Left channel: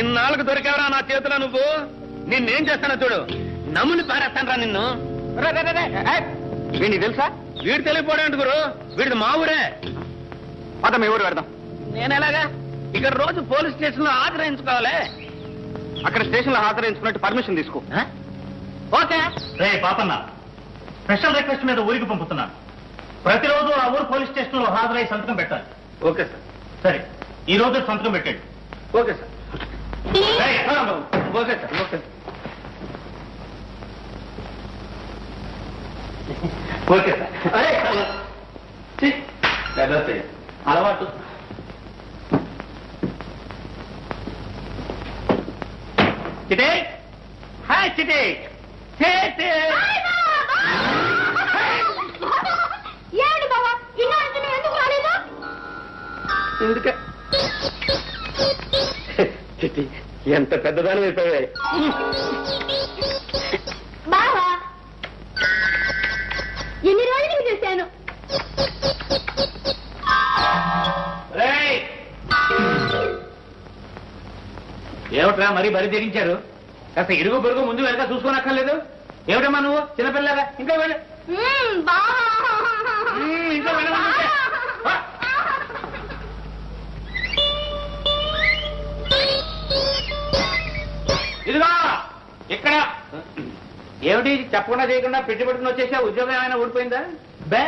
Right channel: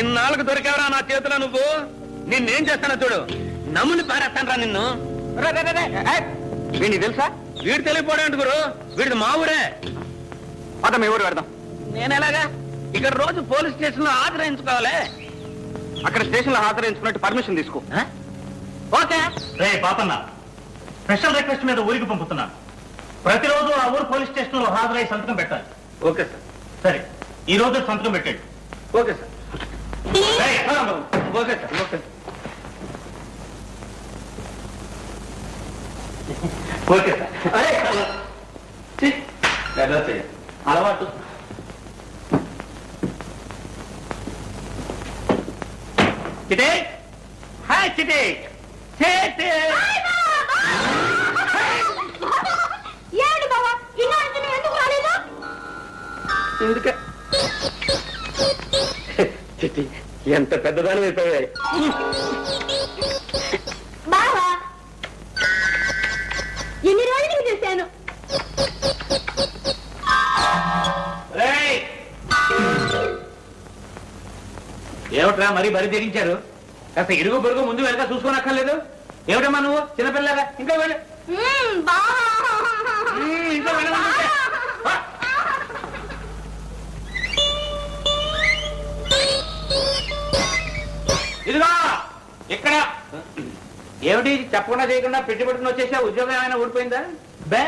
ఇన్నాళ్ళకు దొరికావరా నా చేతిలో నువ్వు. నిన్నేం చేస్తానో చూడు. నమ్ముని పారేస్తాను రా నిన్ను. వీడిని తెలుసా? వీడు తెలియపోవడం గురు. వీడిది మా ఊరే. అత మీ ఊరు పెడదాం. నేను ఎలాగా ఇక్కడ రోజు పోలీస్ స్టేషన్ లో హాజరాయించుకోవాలి. అక్కడ స్టేషన్ లో హాజరాయించుకున్నట్టు పర్మిషన్ తీసుకో. ఓకే. పాపన్న, స్పెషల్ రిక్వెస్ట్ మీద ఊరికి పంపుతున్నాను. ప్రతిరోజు ఆ ఊరు పోలీస్ స్టేషన్ లో హాజరై సంతకం పెట్టాలి. Okay sir. సరే, ఈ రోజు సంతకం పెట్టండి. Okay sir. Okay sir. Okay okay sir. అలవాటు. చిటే హాయ్ చిటే. ఎందుకే చిట్టి ఎంత పెద్దదాని అయిపోయాయి. బావా ఎన్ని రోజులు చేశాను. ఏమిట్రా మరీ బరి తెగించారు? కాస్త ఇరుగు పొరుగు ముందు వెనక చూసుకోనక్కర్లేదు. ఏమిటమ్మా నువ్వు చిన్నపిల్లగా? ఇంకా వెళ్ళు. ఇంకా వెళ్ళమంటే ఇదిగో ఇక్కడ ఏమిటి చెప్పకుండా చేయకుండా పెట్టుబడుకుని వచ్చేసా? ఉద్యోగం ఏమైనా ఊడిపోయిందా? బే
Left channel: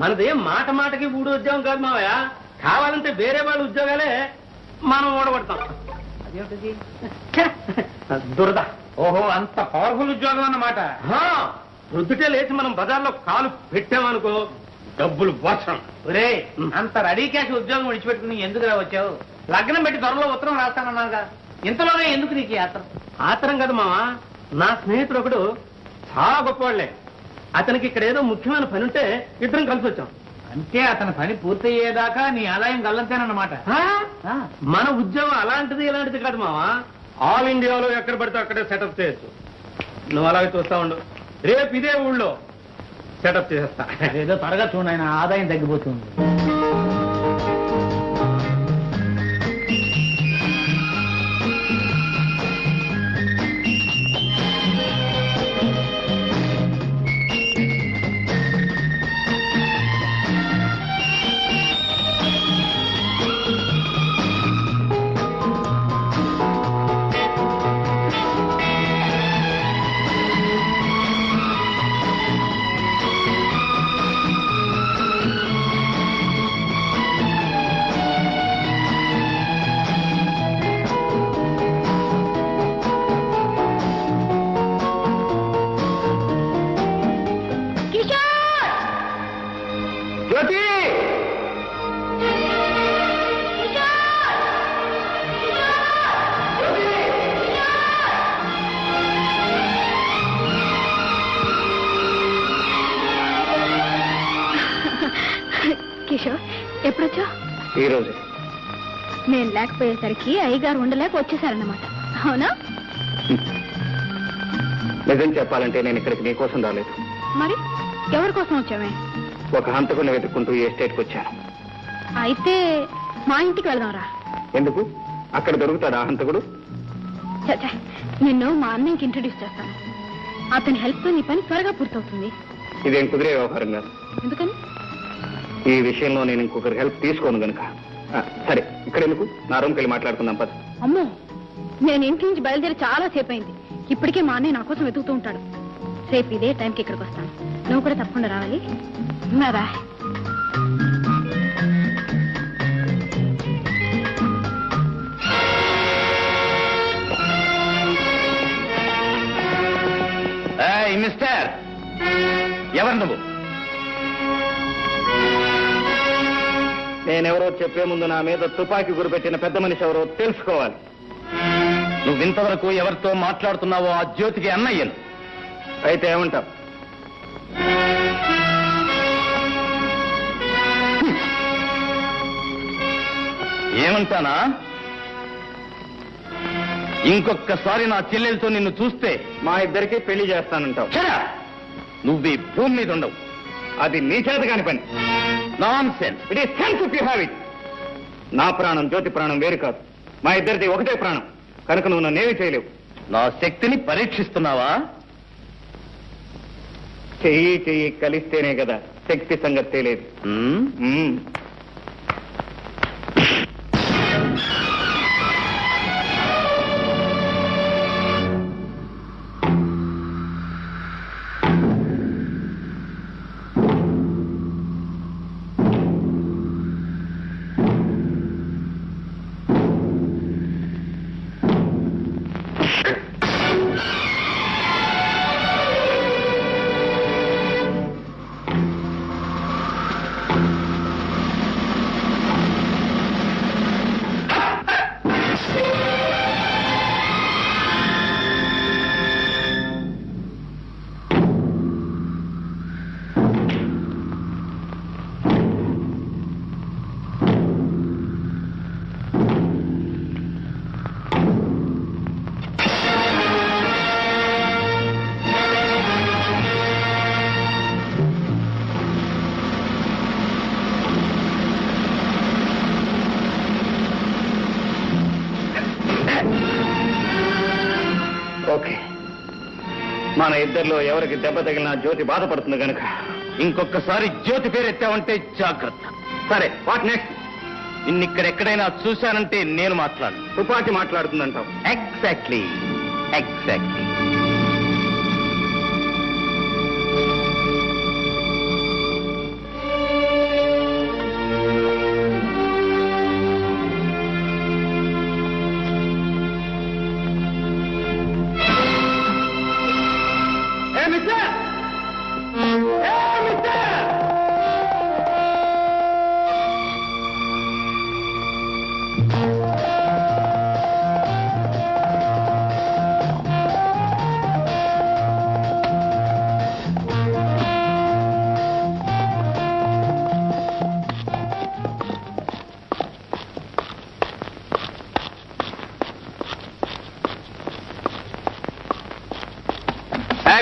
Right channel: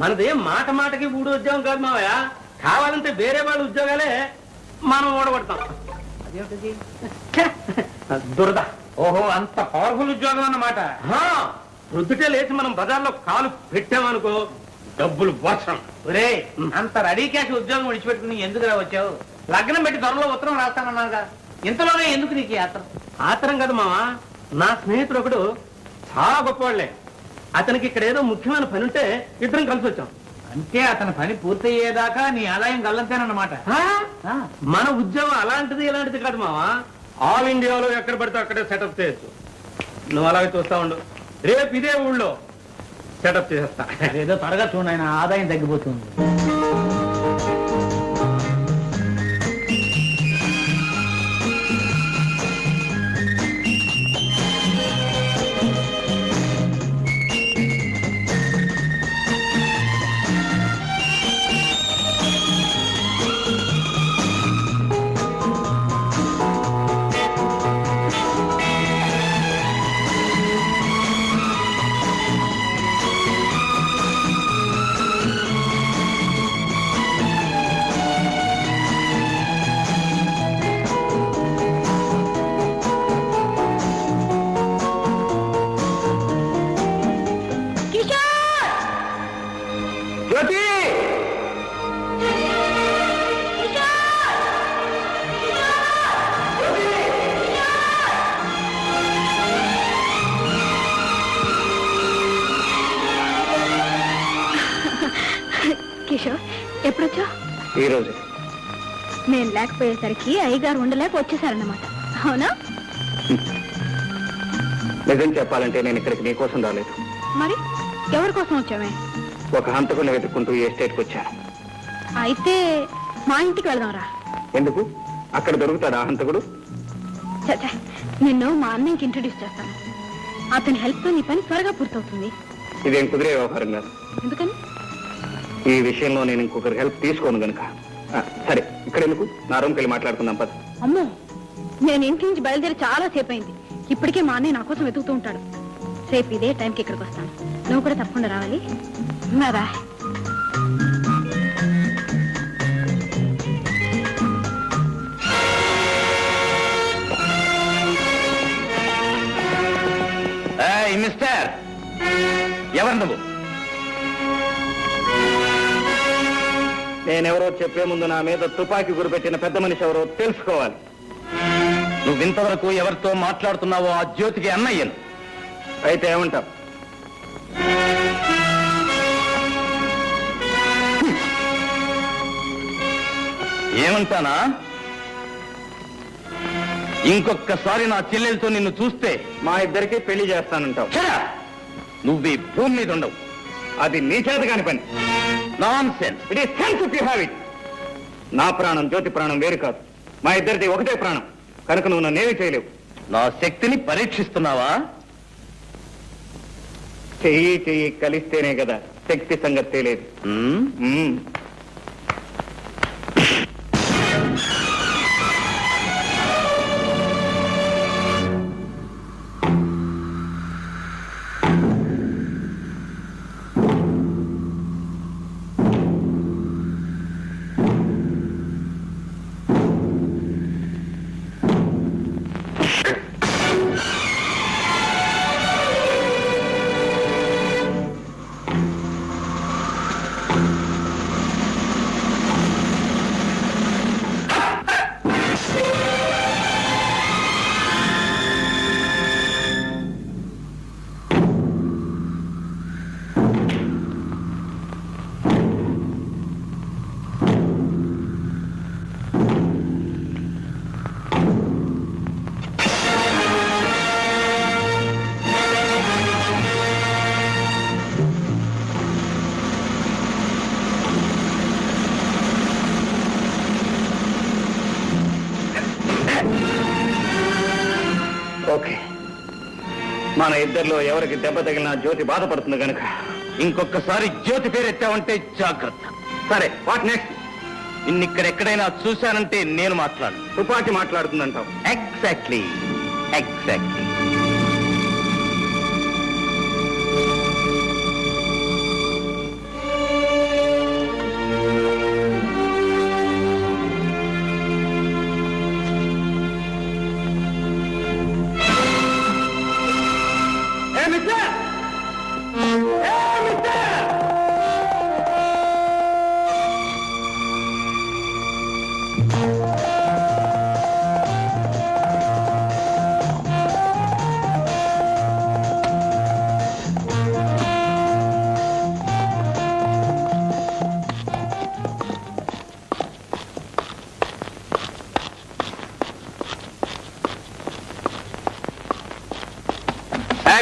మనదేం మాట మాటకి ఊడి ఉద్యోగం కాదు మావయ్య. కావాలంటే వేరే వాళ్ళ ఉద్యోగాలే మనం ఓడగొడతాం. అదేమిటి దురద. ఓహో, అంత పవర్ఫుల్ ఉద్యోగం అన్నమాట. ప్రొద్దుటే లేచి మనం బజార్లో కాలు పెట్టామనుకో డబ్బులు వర్షం. ఒరే, అంత రెడీ క్యాష్ ఉద్యోగం విడిచిపెట్టుకుని ఎందుకు వచ్చావు? లగ్నం పెట్టి త్వరలో ఉత్తరం రాస్తానన్నాగా. ఇంతలోనే ఎందుకు నీకు ఆత్రం? ఆత్రం కదా మావా, నా స్నేహితుడు ఒకడు చాలా గొప్పవాళ్లే. అతనికి ఇక్కడ ఏదో ముఖ్యమైన పని ఉంటే ఇద్దరం కలిసి వచ్చాం. అంటే అతని పని పూర్తయ్యేదాకా నీ ఆదాయం గల్లంతేనన్నమాట. మన ఉద్యోగం అలాంటిది ఇలాంటిది కాదు మావా. ఆల్ ఇండియాలో ఎక్కడ పడితే అక్కడే సెటప్ చేయొచ్చు. నువ్వు అలాగే చూస్తా ఉండు. రేపు ఇదే ఊళ్ళో సెటప్ చేసేస్తా. ఏదో త్వరగా చూడండి, ఆయన ఆదాయం తగ్గిపోతుంది. కిషోర్, ఎప్పుడొచ్చా? ఈ రోజు. నేను లేకపోయేసరికి అయ్యగారు ఉండలేక వచ్చేసారన్నమాట, అవునా? నిజం చెప్పాలంటే నేను ఇక్కడికి నీకోసం రాలేదు. మరి ఎవరి కోసం వచ్చామే? ఒక హంతకుని వెతుక్కుంటూ ఈ ఎస్టేట్కి వచ్చాను. అయితే మా ఇంటికి వెళ్దాంరా. ఎందుకు? అక్కడ దొరుకుతాడా హంతకుడు? చచ్చా, నిన్ను మా అన్నయ్యకి ఇంట్రడ్యూస్ చేస్తాను. అతని హెల్ప్తో నీ పని త్వరగా పూర్తవుతుంది. ఇదేం కుదిరే వ్యవహారం కాదు. ఎందుకని? ఈ విషయంలో నేను ఇంకొకరి హెల్ప్ తీసుకోను గనుక. సరే, ఇక్కడ ఎందుకు? నా రూమ్కి వెళ్ళి మాట్లాడుకుందాం పద. అమ్మో, నేను ఇంటి నుంచి బయలుదేరి చాలా సేపు అయింది. ఇప్పటికే మా అన్నయ్య నా కోసం వెతుకుతూ ఉంటాడు. రేపు ఇదే టైంకి ఇక్కడికి వస్తాను. నువ్వు కూడా తప్పకుండా రావాలి. రా. మిస్టర్, ఎవరు నువ్వు? నేనెవరో చెప్పే ముందు నా మీద తుపాకీ గురిపెట్టిన పెద్ద మనిషి ఎవరో తెలుసుకోవాలి. నువ్వు ఇంతవరకు ఎవరితో మాట్లాడుతున్నావో ఆ జ్యోతికి అన్నయ్యను. అయితే ఏమంటావు? ఏమంటానా? ఇంకొకసారి నా చెల్లెలతో నిన్ను చూస్తే మా ఇద్దరికి పెళ్లి చేస్తానంటావు. నువ్వు ఈ భూమి మీద ఉండవు. అది నీ చేత కాని పని. Non sense. It is sense if you have it. నా ప్రాణం జ్యోతి ప్రాణం వేరు కాదు. మా ఇద్దరిది ఒకటే ప్రాణం కనుక నువ్వు నన్నేమీ చేయలేవు. నా శక్తిని పరీక్షిస్తున్నావా? చెయ్యి చెయ్యి కలిస్తేనే కదా శక్తి సంగతి తెలియదు. ఓకే, మన ఇద్దరిలో ఎవరికి దెబ్బ తగిలినా జ్యోతి బాధపడుతుంది కనుక ఇంకొకసారి జ్యోతి పేరు ఎత్తావంటే జాగ్రత్త. సరే, వాట్ నెక్స్ట్? ఇన్నిక్కడెక్కడైనా చూశానంటే నేను మాట్లాడు. తుపాకి మాట్లాడుతుందంటావు? ఎగ్జాక్ట్లీ.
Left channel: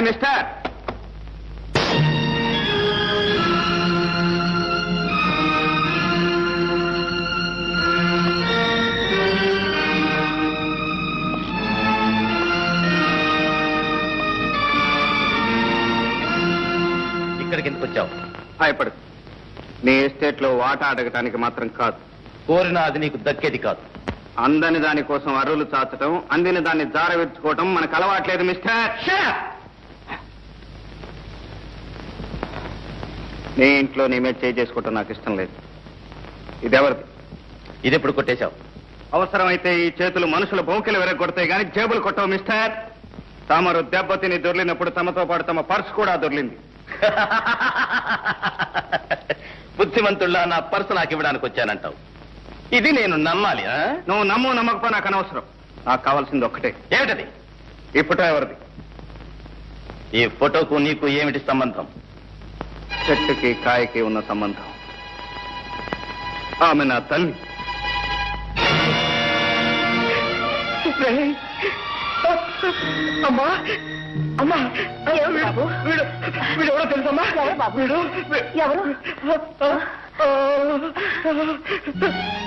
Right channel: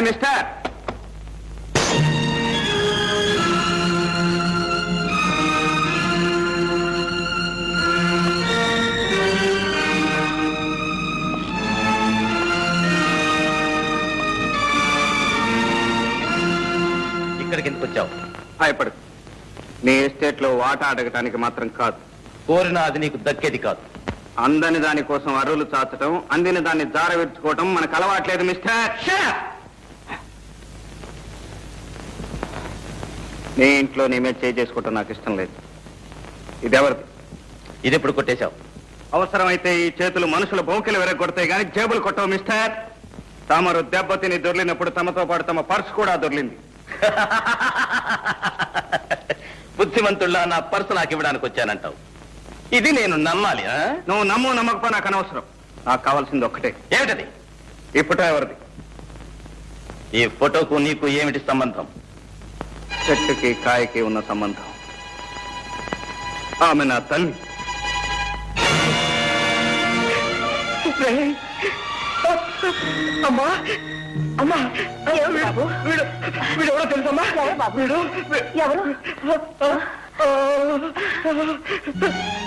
మిస్టర్, ఇక్కడికి ఎందుకు వచ్చావు? భయపడు. నీ ఎస్టేట్ లో వాటా అడగటానికి మాత్రం కాదు. కోరినా అది నీకు దక్కేది కాదు. అందని దాని కోసం అర్రులు చాచటం, అందిన దాన్ని జారవిడ్చుకోవటం మనకు అలవాట్లేదు మిస్టర్. నీ ఇంట్లో నీ మీద చేయి చేసుకోవటం నాకు ఇష్టం లేదు. ఇదెవరిది? ఇది ఎప్పుడు కొట్టేశావు? అవసరమైతే ఈ చేతులు మనుషుల బౌకెలు వెరగొడతాయి కానీ జేబులు కొట్టవు మిస్టర్. తమరు దెబ్బతిని దొర్లినప్పుడు తమతో పాటు తమ పర్సు కూడా దొర్లింది. బుద్ధిమంతుల్లా నా పర్సు నాకు ఇవ్వడానికి వచ్చానంటావు. ఇది నేను నమ్మాలి? నువ్వు నమ్ము నమ్మకపో నాకు అనవసరం. నాకు కావాల్సింది ఒక్కటే. ఏమిటది? ఈ ఫోటో ఎవరిది? ఈ ఫోటోకు నీకు ఏమిటి సంబంధం? చెట్టుకి కాయకి ఉన్న సంబంధం. ఆమె నా తల్లి. అమ్మా అమ్మా, వీడెవడో తెలుసమ్మా? వీడు ఎవరు?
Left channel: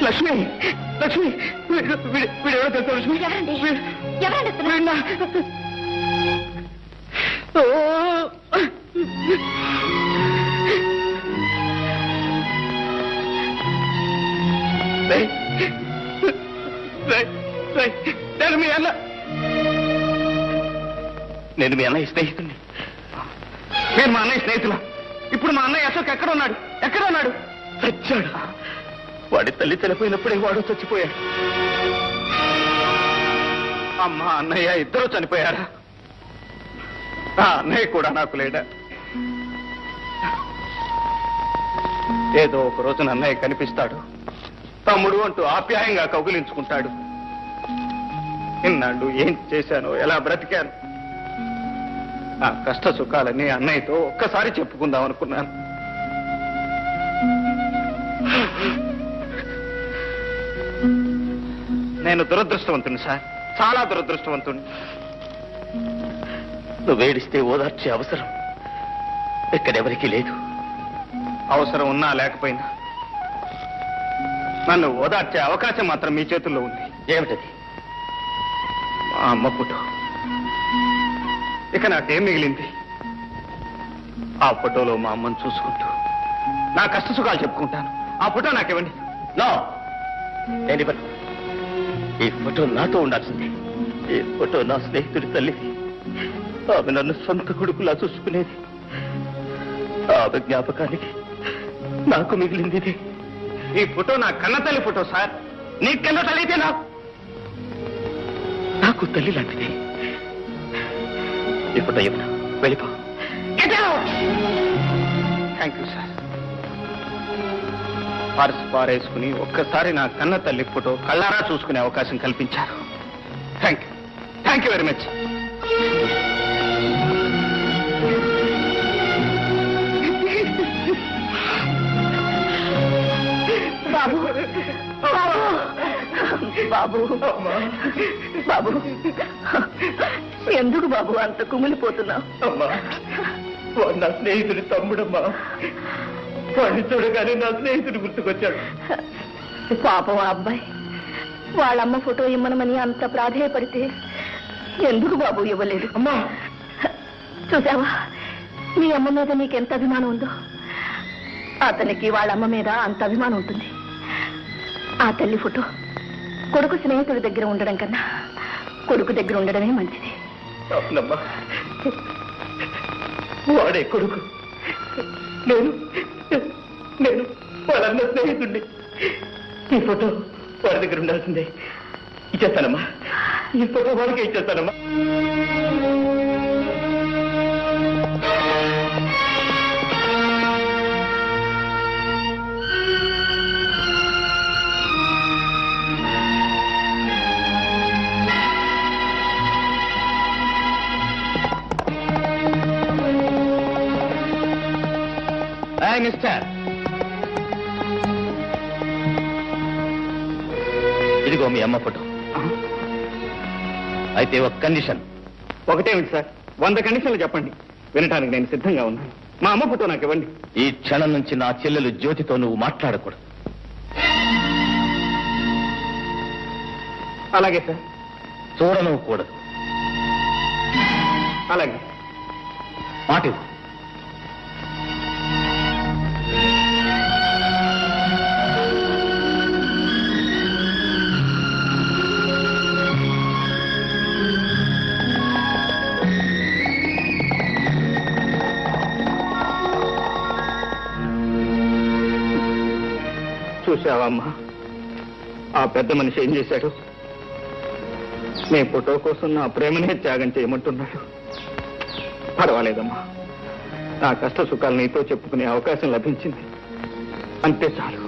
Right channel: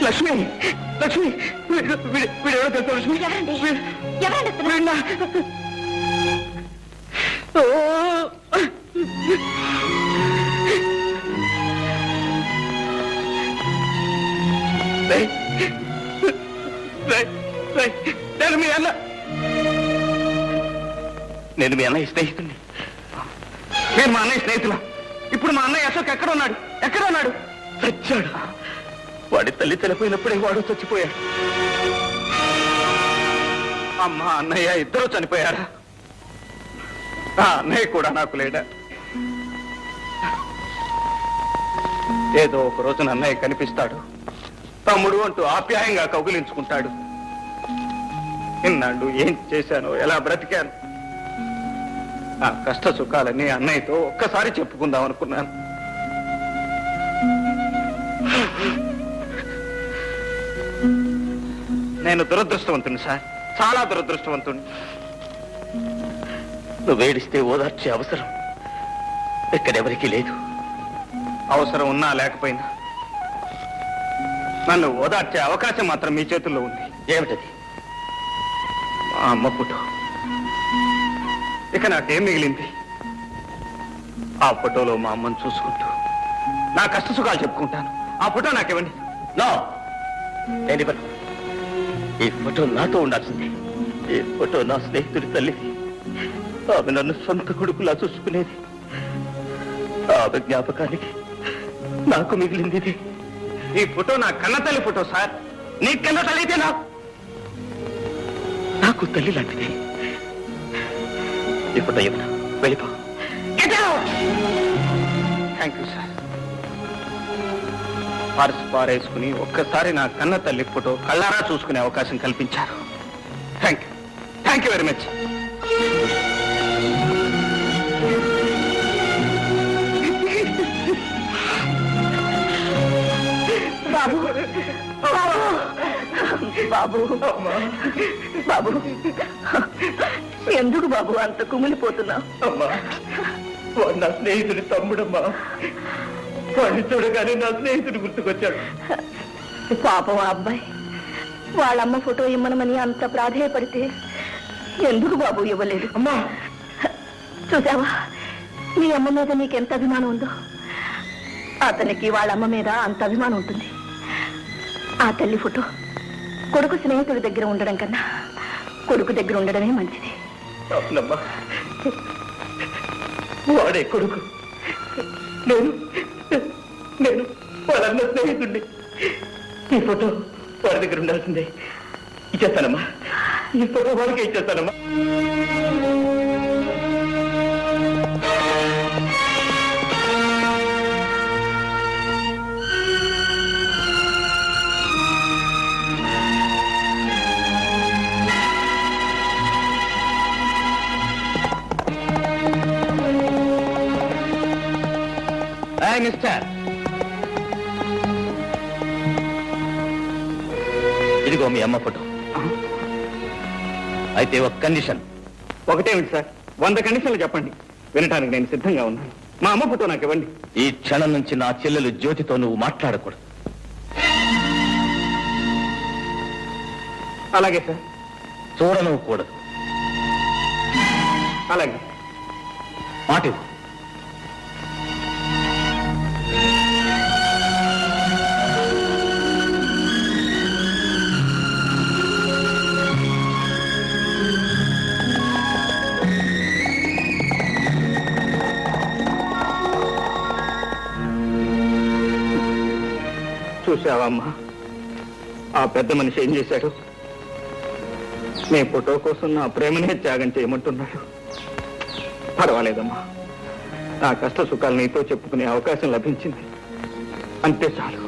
లక్ష్మి, లక్ష్మి, వీడెవడో తెలుసా లక్ష్మి? నేను మీ అన్న, నేను మీ అన్నయ్య స్నేహితుడిని. నేను మా అన్నయ్య స్నేహితులా? ఇప్పుడు మా అన్నయ్య అశోక్ ఎక్కడ ఉన్నాడు? ఎక్కడ ఉన్నాడు? చచ్చాడు. వాడి తల్లి చనిపోయినప్పుడే వాడు చచ్చిపోయాడు. అమ్మ అన్నయ్య ఇద్దరు చనిపోయారా? ఆ అన్నయ్య కూడా నాకు లేడా? ఏదో ఒక రోజున అన్నయ్య కనిపిస్తాడు, తమ్ముడు అంటూ ఆప్యాయంగా కౌగిలించుకుంటాడు. ఇన్నాళ్ళు ఏం చేశానో, ఎలా బ్రతికాను, నా కష్ట సుఖాలన్నీ అన్నయ్యతో ఒక్కసారి చెప్పుకుందాం అనుకున్నాను. నేను దురదృష్టవంతుని సార్, చాలా దురదృష్టవంతుని. నువ్వు ఏడిస్తే ఓదార్చే అవసరం ఎక్కడెవరికీ లేదు. అవసరం ఉన్నా లేకపోయినా నన్ను ఓదార్చే అవకాశం మాత్రం మీ చేతుల్లో ఉంది. ఏమిటది? మా అమ్మ ఫోటో. ఇక నాకేం మిగిలింది? ఆ ఫోటోలో మా అమ్మను చూసుకుంటూ నా కష్ట సుఖాలు చెప్పుకుంటాను. ఆ ఫోటో నాకివ్వండి. నో, నేను ఇవ్వను. ఈ ఫోటో నాతో ఉండాల్సిందే. ఈ ఫోటో నా స్నేహితుడి తల్లిది. ఆమె నన్ను సొంత కొడుకులా చూసుకునేది. ఆమె జ్ఞాపకానికి నాకు మిగిలింది ఇది. ఈ ఫోటో నా కన్నతల్లి ఫోటో సార్. నీ కన్న తల్లి అయితే నాకు తల్లి లాంటిది. ఈ ఫోటో ఇవ్వను. వెళ్ళిపో. Thank you sir. పర్స్ పారేసుకుని ఒక్కసారి నా కన్న తల్లి ఫోటో కళ్ళారా చూసుకునే అవకాశం కల్పించారు. Thank you very much. బాబు బాబు బాబు ఎందుకు బాబు అంత కుమిలిపోతున్నావు? అమ్మా, వాడు నా స్నేహితుడి తమ్ముడమ్మా. వాడిని చూడగానే నా స్నేహితుడు గుర్తుకొచ్చాడు. పాపం ఆ అబ్బాయి వాళ్ళమ్మ ఫోటో ఇమ్మనమని అంత ప్రాధేయపడితే ఎందుకు బాబు ఇవ్వలేదు? అమ్మా, చూసావా మీ అమ్మ మీద నీకెంత అభిమానం ఉందో, అతనికి వాళ్ళమ్మ మీద అంత అభిమానం ఉంటుంది. ఆ తల్లి ఫోటో కొడుకు స్నేహితుడి దగ్గర ఉండడం కన్నా కొడుకు దగ్గర ఉండడమే మంచిది. అవునమ్మా, వాడే కొడుకు. నేను వాళ్ళన్న స్నేహితుడిని. ఈ ఫోటో వాడి దగ్గర ఉండాల్సిందే. ఇచ్చేస్తానమ్మా. ఈ ఫోటో వాడికే ఇచ్చేస్తానమ్మా. మిస్టర్, ఇదిగో మీ అమ్మ ఫోటో. అయితే ఒక కండిషన్. ఒకటేమిటి సార్? 100 కండిషన్లు చెప్పండి, వినటానికి నేను సిద్ధంగా ఉన్నాను. మా అమ్మ ఫోటో నాకు ఇవ్వండి. ఈ క్షణం నుంచి నా చెల్లెలు జ్యోతితో నువ్వు మాట్లాడకూడదు. అలాగే సార్. చూడను కూడదు. అలాగే. మాట ఇవ్వు. చూసావమ్మా, ఆ పెద్ద మనిషి ఏం చేశాడు? నీ ఫోటో కోసం నా ప్రేమనే త్యాగం చేయమంటున్నాడు. పర్వాలేదమ్మా, నా కష్ట సుఖాలు నీతో చెప్పుకునే అవకాశం లభించింది, అంతే చాలు.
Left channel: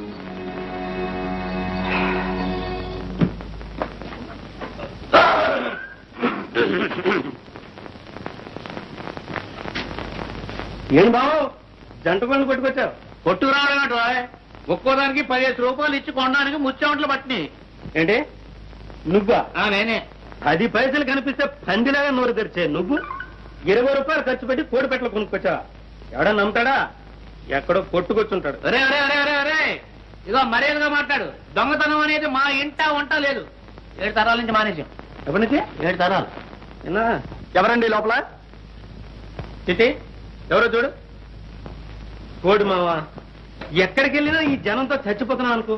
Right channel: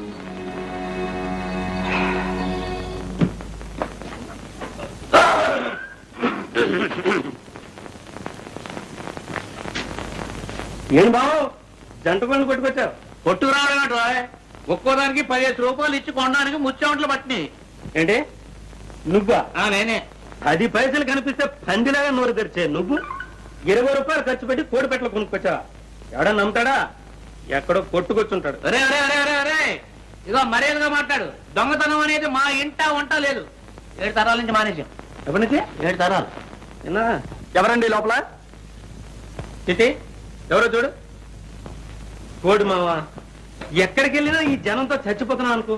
ఏం బావు, జంట పనులు కొట్టుకొచ్చావు? కొట్టుకు రావడం ఒక్కోదానికి 15 రూపాయలు ఇచ్చి కొనడానికి ముచ్చామంట్లు పట్టినాయి. ఏంటి నువ్వా? నేనే. 10 పైసలు కనిపిస్తే పందిలాగా నోరు తెరిచే నువ్వు 20 రూపాయలు ఖర్చు పెట్టి కోడి పెట్టలు కొనుక్కొచ్చావా? ఎవడా నమ్ముతాడా? ఎక్కడో కొట్టుకొచ్చుంటాడు. అరే అరే అరే అరే అరే, ఇదో మర్యాదగా మాట్లాడు. దొంగతనం అనేది మా ఇంట వంట లేదు. 7 తరాల నుంచి మానేసాం. ఎప్పటి నుంచి? 7 తరాలు. ఎవరండి లోపల? చిట్టి, ఎవరో చూడు. కోడి మావా, ఎక్కడికి వెళ్ళినా ఈ జనంతో చచ్చిపోతున్నాం అనుకో.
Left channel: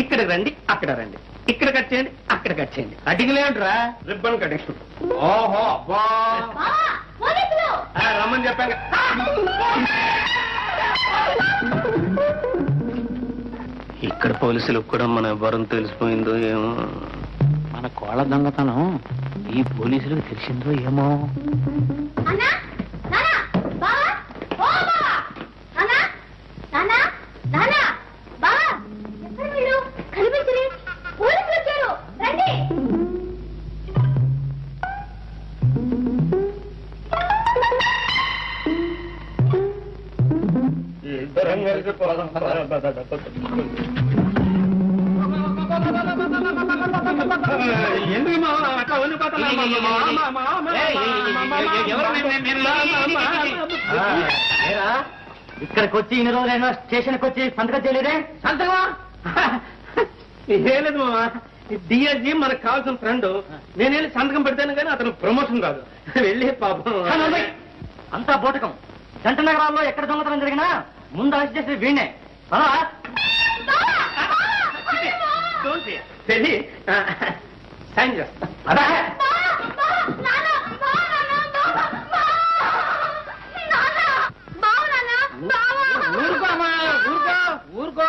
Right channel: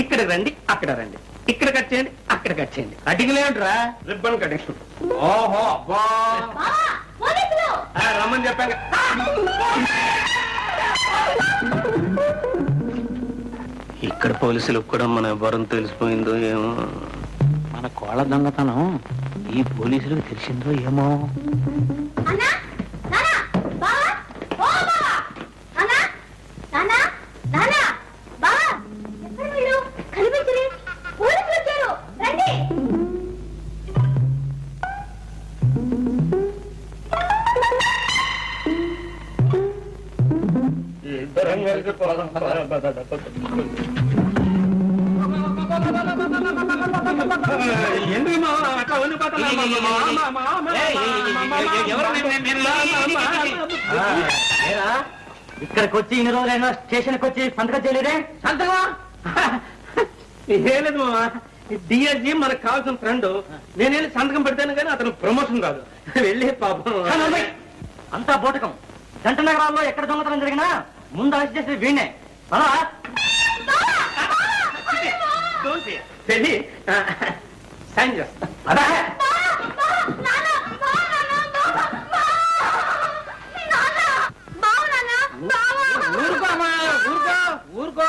ఇక్కడికి రండి, అక్కడ రండి, ఇక్కడ కట్ చేయండి, అక్కడ కట్ చేయండి. కటింగ్ లేవుట్రా, రిబ్బన్ కటింగ్. ఓహో అబ్బా, రమ్మని చెప్పాను. ఇక్కడ పోలీసులకు కూడా మన వరం తెలిసిపోయిందో ఏమో. మన కోళ్ళ దొంగతనం ఈ పోలీసులకు తెలిసిందో ఏమో. ఇక్కడికి వచ్చి ఇన్ని రోజులైనా స్టేషన్కి వచ్చి సంతకం చేయలేదే? సంతకమా? ఏం లేదు మామా, డిఎస్జీ మనకు కావాల్సిన ఫ్రెండ్. నేను వెళ్ళి సంతకం పెడతాను కానీ అతను ప్రమోషన్ కాదు. వెళ్ళి పాపం. అంతా బోటకం. జంట నగరాల్లో ఎక్కడ దొంగతనం జరిగినా ముందు అరెస్ట్ చేసిన వీణే. వెళ్ళి సైన్ చేస్తా. అదా ఊరుకో.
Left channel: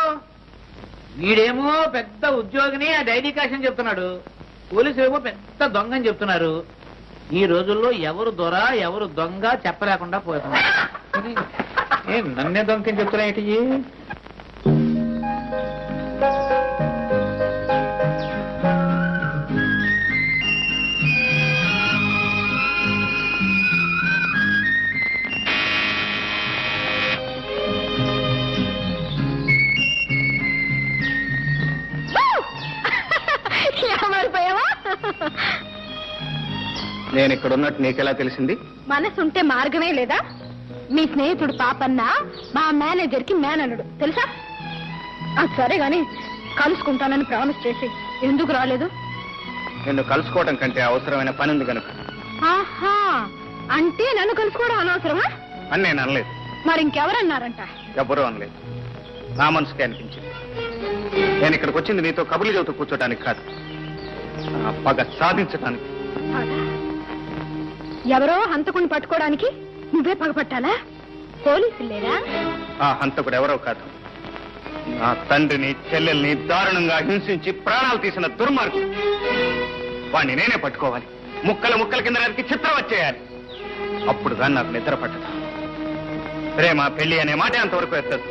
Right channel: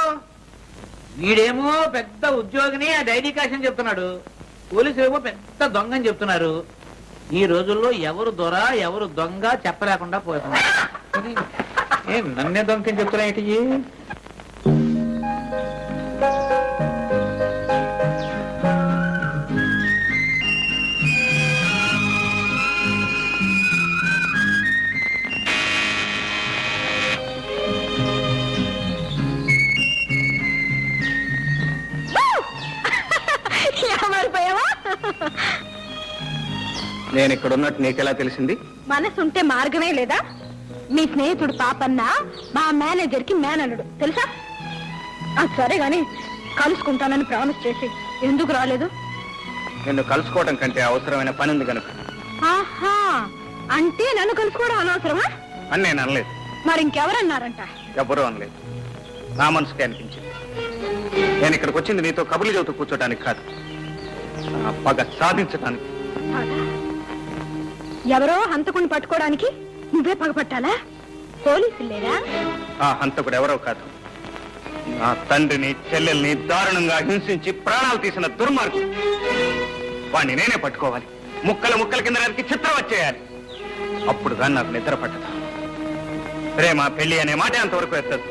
వీడేమో పెద్ద ఉద్యోగిని ఆ డైరీ కాషన్ చెప్తున్నాడు, పోలీసులు ఏమో పెద్ద దొంగ అని చెప్తున్నారు. ఈ రోజుల్లో ఎవరు దొర ఎవరు దొంగ చెప్పలేకుండా పోతున్నారు. నన్నే దొంగ అని చెప్తున్నా ఏంటి? నేను ఇక్కడ ఉన్నట్టు నీకెలా తెలిసింది? మనసుంటే మార్గమే లేదా? మీ స్నేహితుడు పాపన్న మా మేనేజర్ కి మేనల్లుడు తెలుసా? సరే గాని కలుసుకుంటానని ప్రామిస్ చేసి ఎందుకు రాలేదు? నిన్ను కలుసుకోవడం కంటే అవసరమైన పని ఉంది కనుక. ఆహా, అంటే నన్ను కలుసుకోవడం అనవసరమా అని నేను అనలేదు. మరి ఇంకెవరన్నారంట? ఎవరూ అనలేదు, నా మనసుకే అనిపించింది. నేను ఇక్కడికి వచ్చింది నీతో కబుర్లు చెబుతూ కూర్చోడానికి కాదు, నా పగ సాధించడానికి. ఎవరో హంతకుని పట్టుకోవడానికి నువ్వే పగపట్టాలా? పోలీసులు లేరా? ఆ హంతకుడు ఎవరో కాదు, నా తండ్రిని చెల్లెల్ని దారుణంగా హింసించి ప్రాణాలు తీసిన దుర్మార్గుడు. వాణ్ణి నేనే పట్టుకోవాలి, ముక్కల ముక్కల కింద నరికి చిత్రం వచ్చేయాలి. అప్పుడు కానీ నాకు నిద్ర పట్టదు. ప్రేమ పెళ్లి అనే మాట అంతవరకు ఎత్తదు.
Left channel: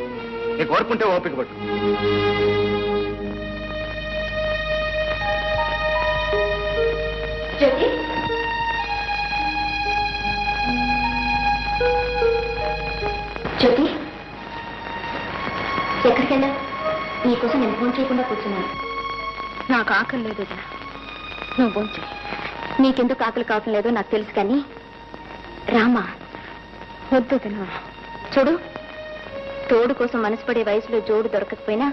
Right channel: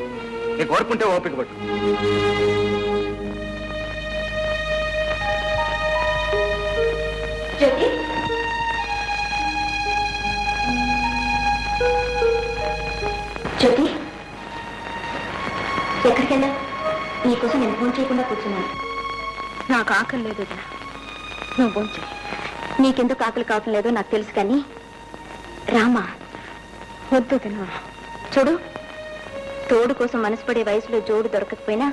నీకు ఓర్పుంటే ఓపిక పట్టు. జ్యోతి, జ్యోతి ఎక్కడికి వెళ్ళా? నీకోసం నేను ఫోన్ చేయకుండా కూర్చున్నాను. నాకు ఆకలి లేదు, నువ్వు భోంచే. నీకెందుకు ఆకలి కావటం లేదో నాకు తెలుసు, కానీ రామా వద్దు తిన్నా. చూడు, తోడు కోసం మనసు పడే వయసులో జోడు దొరకకపోయినా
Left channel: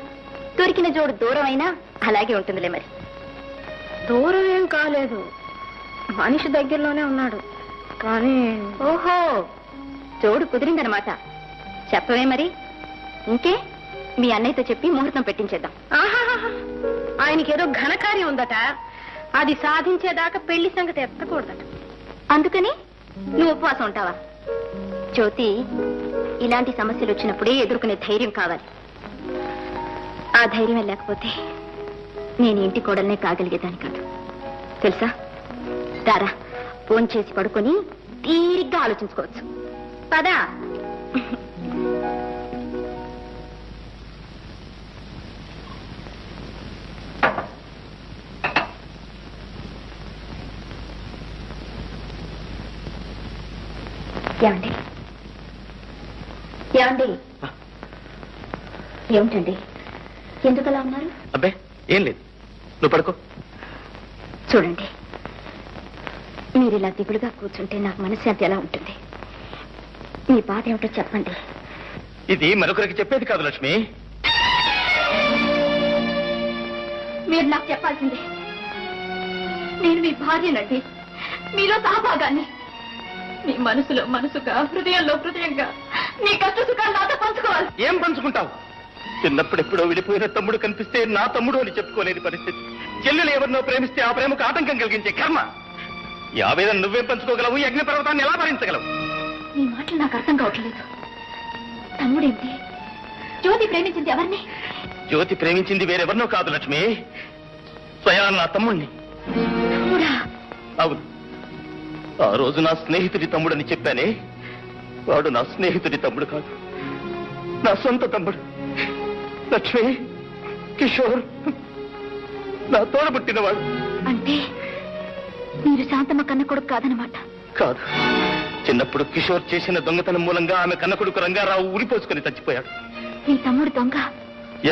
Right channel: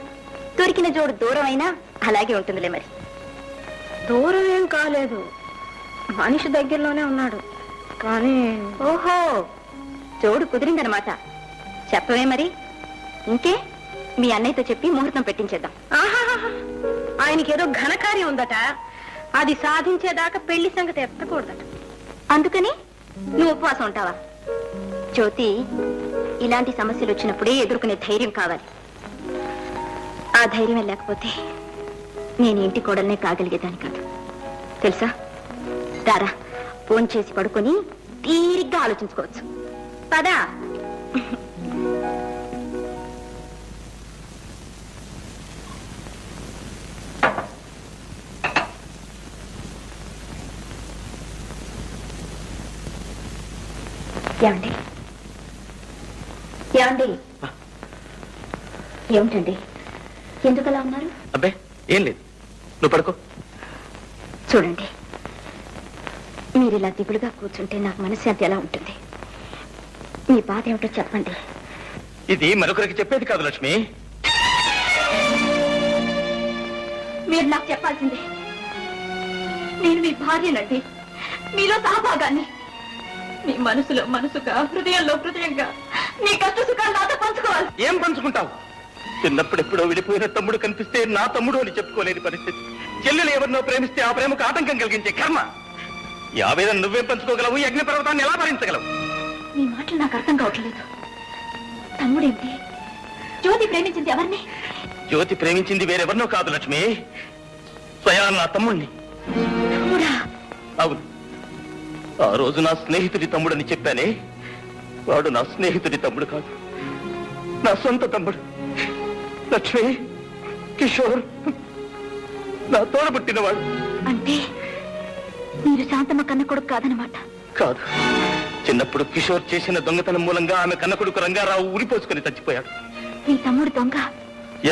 దొరికిన జోడు దూరం అయినా అలాగే ఉంటుందిలే. మరి దూరం ఏం కాలేదు, మనిషి దగ్గరలోనే ఉన్నాడు. కానీ ఓహో, జోడు కుదిరిందనమాట. చెప్పవే మరి. ఇంకే మీ అన్నయ్యతో చెప్పి ముహూర్తం పెట్టించేద్దాం. ఆయనకేదో ఘనకార్యం ఉందట, అది సాధించేదాకా పెళ్లి సంగతి ఎత్తకూడదట. అందుకని నువ్వు ఉపవాసం ఉంటావా? జ్యోతి, ఇలాంటి సమస్యలు వచ్చినప్పుడే ఎదుర్కొనే ధైర్యం కావాలి. ఆ ధైర్యం లేకపోతే నేను ఇంటి కోడల్నే కాగలిగేదాన్ని కాదు, తెలుసా? రారా, ఫోన్ చేసి పడుకొని తీరిగ్గా ఆలోచించుకోవచ్చు. పదా. ఏమండి? ఏమండి? ఏమిటండి, ఎందుకలా ఉన్నారు? అబ్బే ఏం లేదు, నువ్వు పడుకో. చూడండి, మీరు ఇలా దిగులుగా కూర్చుంటే నాకు మనశ్శాంతి ఎలా ఉంటుంది? మీ బాధ ఏమిటో చెప్పండి. ఇది మరొకరికి చెప్పేది కాదు లక్ష్మి. మీరు నాకు చెప్పాల్సిందే. నేను మీ భార్యనండి, మీలో సహభాగాన్ని. మీ మనసులో మనసుగా, హృదయంలో హృదయంగా మీ కష్ట సుఖాలు నాతో పంచుకోవాలి. ఏం పంచుకుంటావు? చిన్నప్పుడు ఎప్పుడో విడిపోయిన తమ్ముడు కనిపిస్తే నా తమ్ముడు అని చెప్పుకోలేని పరిస్థితి. చెల్లెలు ఎవరినో ప్రేమిస్తే ఆ ప్రేమకు ఆటంకం కలిగించే కర్మ. ఈ ఆవేదన నువ్వేం పంచుకోగలవు? ఈ అగ్ని పర్వతాన్ని ఎలా భరించగలవు? మీ మాటలు నాకు అర్థం కావట్లేదు. తమ్ముడేమిటి? జ్యోతి ప్రేమించింది ఎవరిని? జ్యోతి ప్రేమించింది వేరెవరినో కాదు లక్ష్మి, స్వయాన నా తమ్ముణ్ణి. తమ్ముడా? అవును, ఆ రోజు నా స్నేహితుడి తమ్ముడని చెప్పానే, వాడు నా స్నేహితుడి తమ్ముడు కాదు, నా సొంత తమ్ముడు. లక్ష్మి, కిషోర్ నా తోడబుట్టినవాడు. అంటే మీరు శాంతమ్మ కన్న కొడుకు కాదనమాట? కాదు, చిన్నప్పుడు కిషోర్ చేసిన దొంగతనం మూలంగా ఆమె కన్న కొడుకు రంగారావు ఉరిపోసుకుని చచ్చిపోయాడు. మీ తమ్ముడు దొంగ?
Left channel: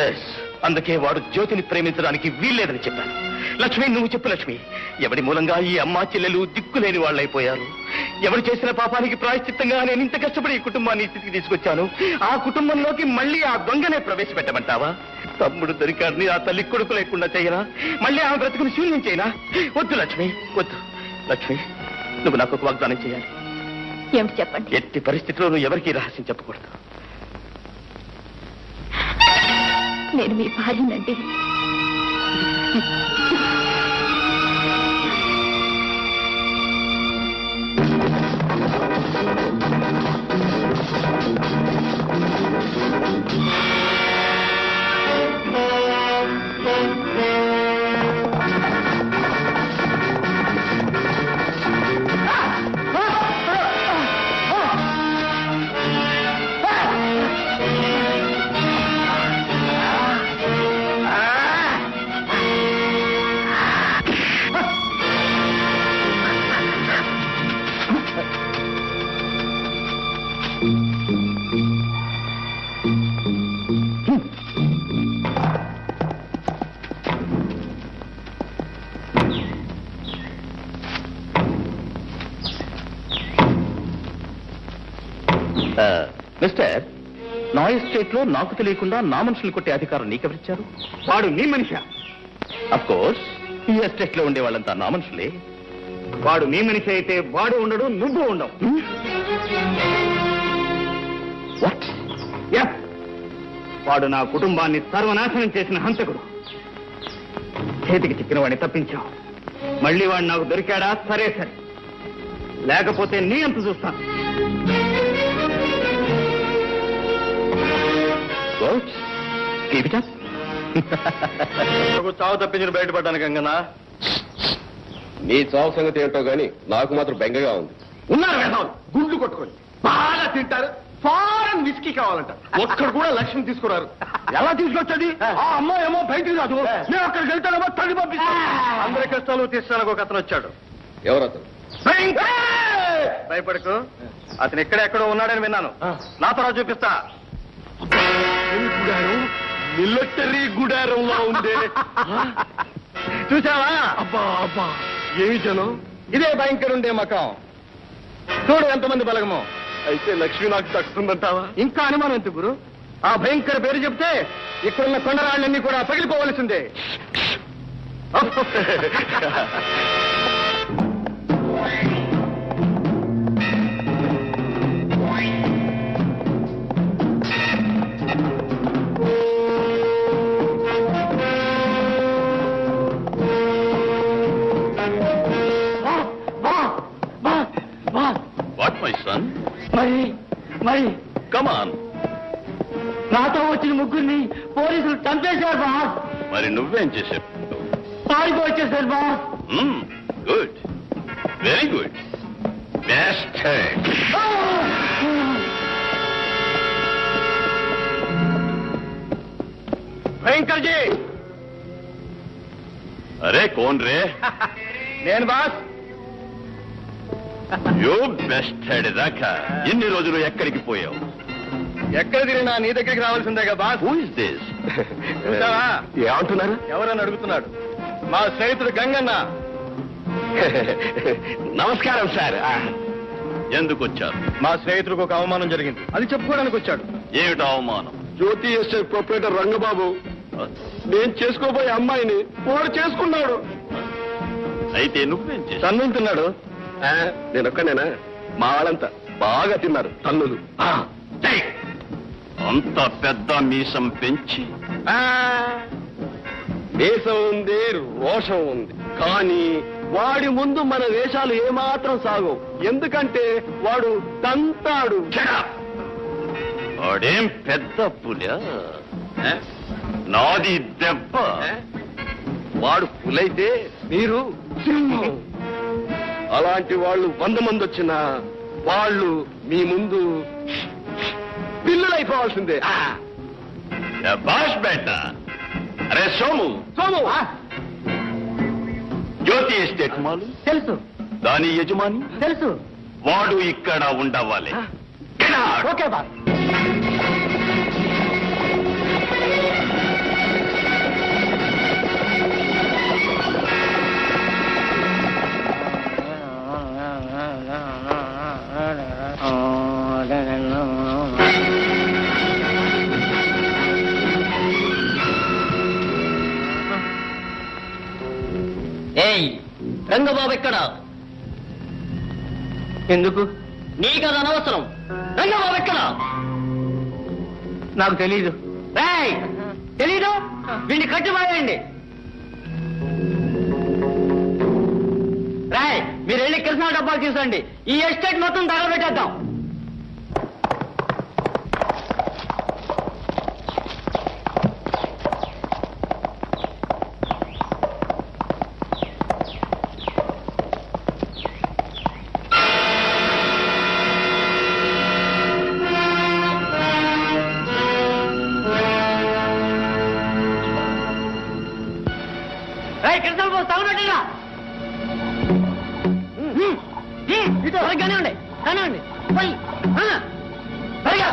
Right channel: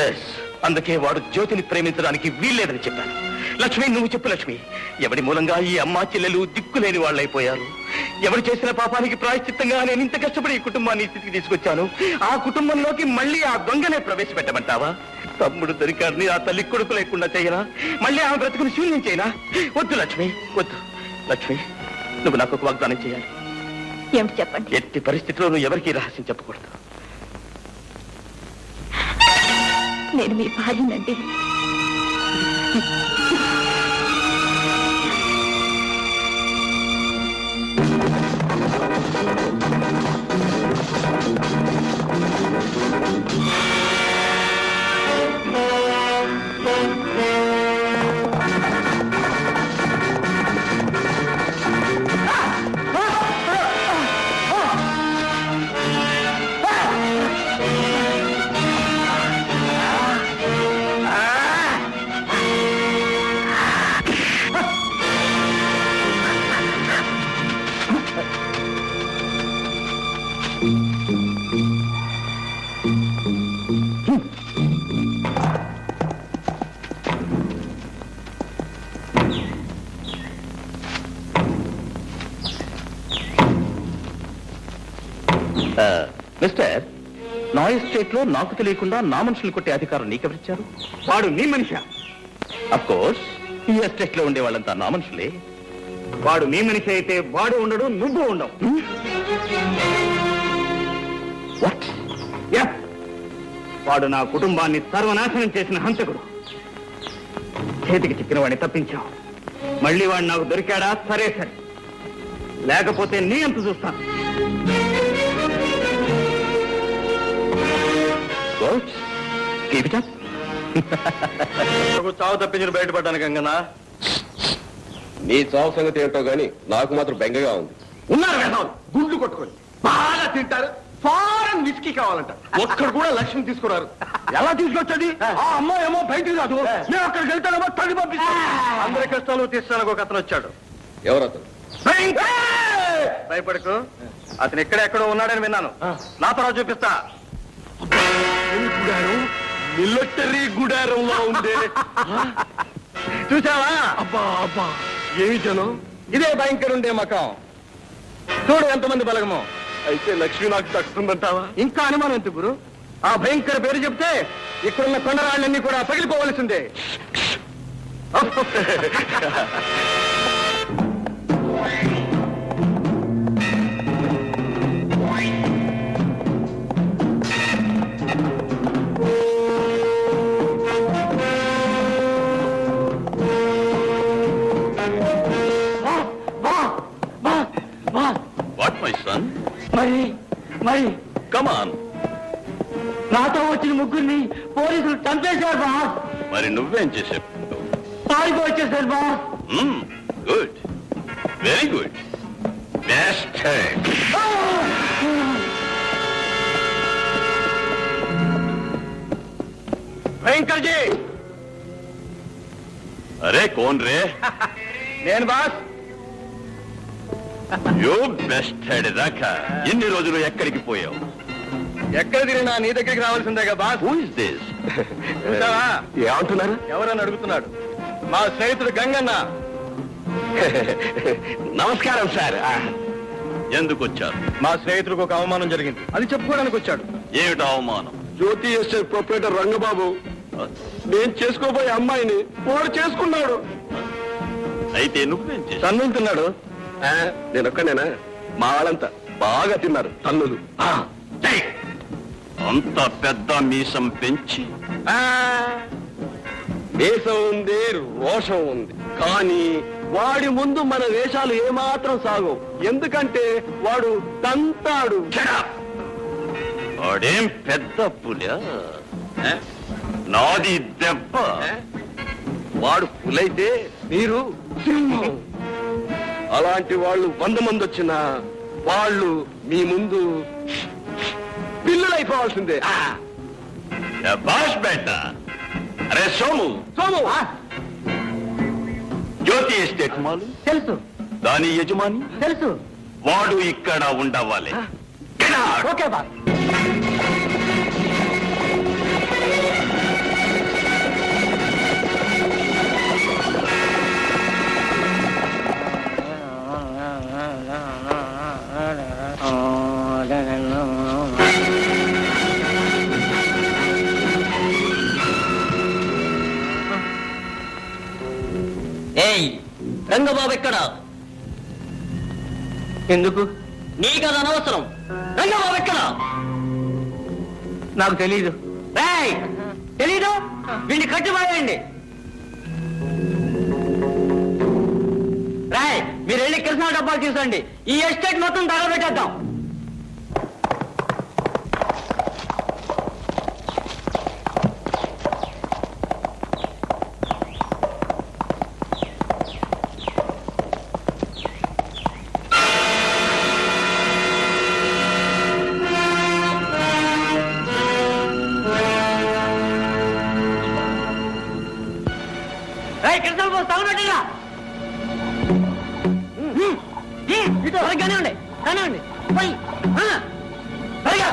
ఎస్, అందుకే వాడు జ్యోతిని ప్రేమించడానికి వీల్లేదని చెప్పాను. లక్ష్మి, నువ్వు చెప్పు లక్ష్మి, ఎవడి మూలంగా ఈ అమ్మా చెల్లెలు దిక్కులేని వాళ్ళైపోయారు? ఎవరు చేసిన పాపానికి ప్రాయశ్చిత్తంగా నేను ఇంత కష్టపడి ఈ కుటుంబాన్ని ఈ స్థితికి తీసుకొచ్చాను. ఆ కుటుంబంలోకి మళ్ళీ ఆ దొంగనే ప్రవేశపెట్టమంటావా? తమ్ముడు దొరికాడిని ఆ తల్లి కొడుకు లేకుండా చేయనా? మళ్ళీ ఆమె బ్రతుకుని శూన్యం చేయనా? వద్దు లక్ష్మి, వద్దు. లక్ష్మి, నువ్వు నాకు ఒక వాగ్దానం చేయాలి. ఏమిటి చెప్పండి. ఎట్టి పరిస్థితిలో నువ్వు ఎవరికీ రహస్యం చెప్పకూడదు. నేను మీ భార్యనండి. మిస్టర్, నా ఎస్టేట్ లో నాకు తెలియకుండా నా మనుషులు కొట్టే అధికారం నీకెవరిచ్చారు? వాడు నీ మనిషా? అఫ్ కోర్స్, ఈ ఎస్టేట్ లో ఉండే వాళ్ళంతా నా మనుషులే. వాడు నీ మనిషి అయితే వాడు ఉండడు, నువ్వు ఉండవు. వాడు నా కుటుంబాన్ని సర్వనాశనం చేసిన హంతకుడు. చేతికి చిక్కిన వాడిని తప్పించావు. మళ్ళీ వాడు నాకు దొరికాడా? సరే సరే, లేకపోతే నీ అంత చూస్తాను. చావు తప్పించిన బయటపడ్డాను గంగనా. నీ చావు సంగతి ఏంటో గాని నాకు మాత్రం బెంగగా ఉంది. ఉన్నారు వేదవాళ్ళు, గుండ్లు కొట్టుకొని బాగా తింటారు. ఫారెన్ విస్కీ కావాలంట. ఒక్కడు కూడా లక్ష్యం తీసుకున్నారు. ఎలా తీసుకొచ్చేది? ఆ అమ్మాయి ఏమో బయటికి రాదు. మేము అక్కడికి వెళ్తానేమో తల్లి పంపిస్తాం. అందరి కష్టాలు తీర్చడానికి ఒక అతను వచ్చాడు. ఎవరతను? భయపడకు, అతను ఎక్కడెక్కడో ఉన్నాడని విన్నాను. నా తర్వాత చూపిస్తా. మిలిటరీ గుడారంలో ఉంది. చూసావా? అబ్బా అబ్బా, ఏమి జనం! ఇదే భయంకర ఉండే మకం. చూడు ఎంతమంది బలగమో. అయితే లక్ష్మి నాకు తక్కుతుందంటావా? ఇంకా అనుమానం ఎంత గురు? ఆ భయంకర పేరు చెప్తే ఇక్కడున్న కొండరాళ్ళన్నీ కూడా పగిలిపోవలసిందే. What, my son? మరి Come on. నాతో వచ్చిన ముగ్గురిని పోలీసులు చంపేశారు బాస్. మరి నువ్వేం చేసావు? పారిపో వచ్చేసారు boss. Good, very good. Best. భయంకర్ జీ! అరే కోన్ రే? నేను బాస్. యూ బెస్ట్ హెడ్ దాకా ఎన్ని రోజులు ఎక్కడికి పోయావు? ఎక్కడ తిరిగినా నీ దగ్గరికి రావాల్సిందేగా బాస్. Who is this? చూసావా? ఏమంటున్నారు? ఎవరని అడుగుతున్నాడు. మా స్నేహితుడు గంగన్న. నమస్కారం సార్. ఎందుకు వచ్చారు? మా స్నేహితుడికి ఒక అవమానం జరిగింది, అది చెప్పుకోవడానికి వచ్చాడు. ఏమిటి అవమానం? జ్యోతి ఎస్టేట్ ప్రొపరేటర్ రంగబాబు నేను చేసుకోబోయే అమ్మాయిని వాడు చేసుకున్నాడు. అయితే నువ్వేం చేశావు? తన్నుతున్నాడు. నేనొక్కనేనా? మా వాళ్ళంతా బాగా తిన్నారు తన్నులు. అంత పెద్ద మీసం పెంచి దేశం ఉంది, రోషం ఉంది, కానీ వాడి ముందు మన వేషాలు ఏమాత్రం సాగవు. ఎందుకంటే వాడు తంతాడు. వాడేం పెద్ద పులి, నాది దెబ్బ. వాడు పులైతే మీరు సింహం. అలాంటి వాళ్ళు 100 మంది వచ్చినా వాళ్ళు మీ ముందు పిల్లలైపోవాల్సిందే. బాష్ బేట. అరే సోము, సోము, జ్యోతి ఎస్టేట్ మాలు తెలుసు దాని యజమాని తెలుసు. వాడు ఇక్కడ ఉండవాలి. Okay boss. రంగబాబు ఎక్కడ? ఎందుకు? నీకది అనవసరం. రంగబాబు ఎక్కడ? నాకు తెలీదు. తెలీదు? వీడిని కట్టిపాయండి. మీరు వెళ్ళి కృష్ణా డబ్బాలు తీసుకోండి. ఈ ఎస్టేట్ మొత్తం తగలబెట్టేద్దాం. కృష్ణ తగలబెట్టా కానివ్వండి కానివ్వండి పోయి సరిగా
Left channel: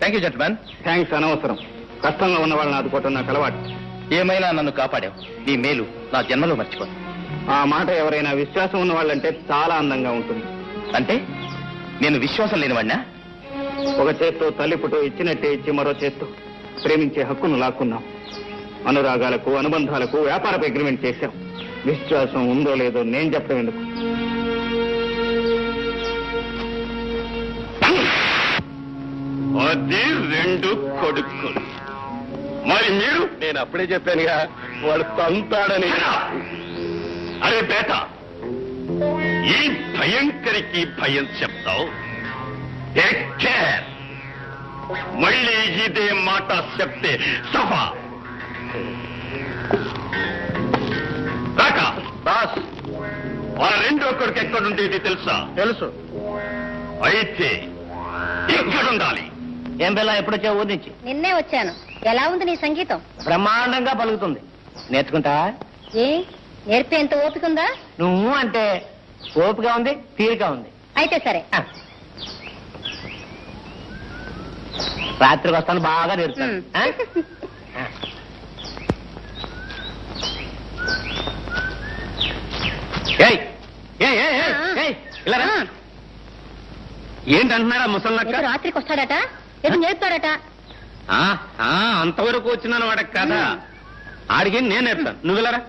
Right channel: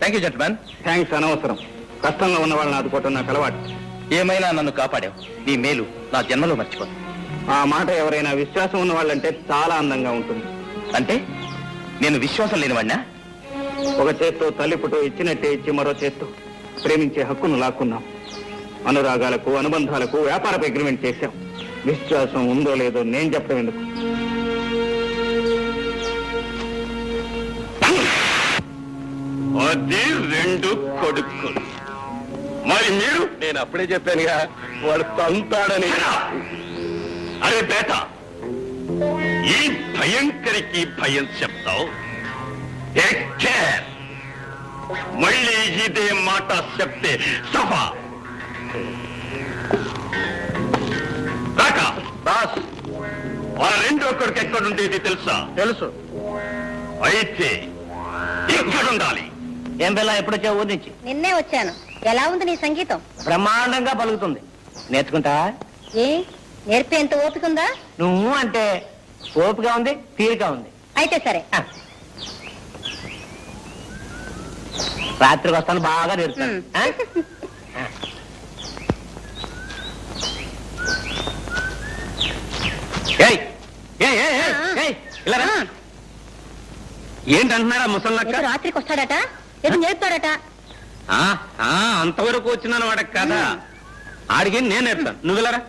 థ్యాంక్ యూ జెంట్మెన్. థ్యాంక్స్ అనవసరం. కష్టంగా ఉన్న వాళ్ళని ఆదుకోవటం నాకు అలవాటు. ఏమైనా నన్ను కాపాడావు. నీ మేలు నా జన్మలో మర్చిపోను. ఆ మాట ఎవరైనా విశ్వాసం ఉన్న వాళ్ళంటే చాలా అందంగా ఉంటుంది. అంటే నేను విశ్వాసం లేనివాడినా? ఒక చేత్తో తల్లి పుట్టు ఇచ్చినట్టే ఇచ్చి మరో చేత్తో ప్రేమించే హక్కును లాక్కున్నాం. అనురాగాలకు అనుబంధాలకు వ్యాపారపు అగ్రిమెంట్ చేశాం. విశ్వాసం ఉందో లేదో నేను చెప్పడం ఎందుకు? అది రెండు కొడుకులు. మరి మీరు? నేను అప్పుడే చెప్పానుగా వాడు తంతాడని. అరే బేట, ఈ భయంకరికి భయం చెప్తావు. Take care. మళ్ళీ ఇదే మాట చెప్తే సభ రాక. బాస్, ఆ రెండో కొడుకు ఎక్కడుండేది తెలుసా? తెలుసు. అయితే ఎక్కడుండాలి? ఏం పిల్ల ఎప్పుడొచ్చా ఊరి నుంచి? నిన్నే వచ్చాను. ఎలా ఉంది నీ సంగీతం? బ్రహ్మాండంగా పలుకుతుంది. నేర్చుకుంటా? ఏ నేర్పేంత ఓపిక ఉందా? నువ్వు అంటే ఓపిక ఉంది, తీరిక ఉంది. అయితే సరే. రాత్రికి వస్తాను, బాగా నేర్పుతాను. ఏంటంటున్నారా ముసల్లక్క? రాత్రికి వస్తాడట, ఏదో నేర్పుతాడట. అంతవరకు వచ్చినాను వాడక కదా. ఆడికి నేను నేర్పుతాను. నువ్వు వెళ్ళరా?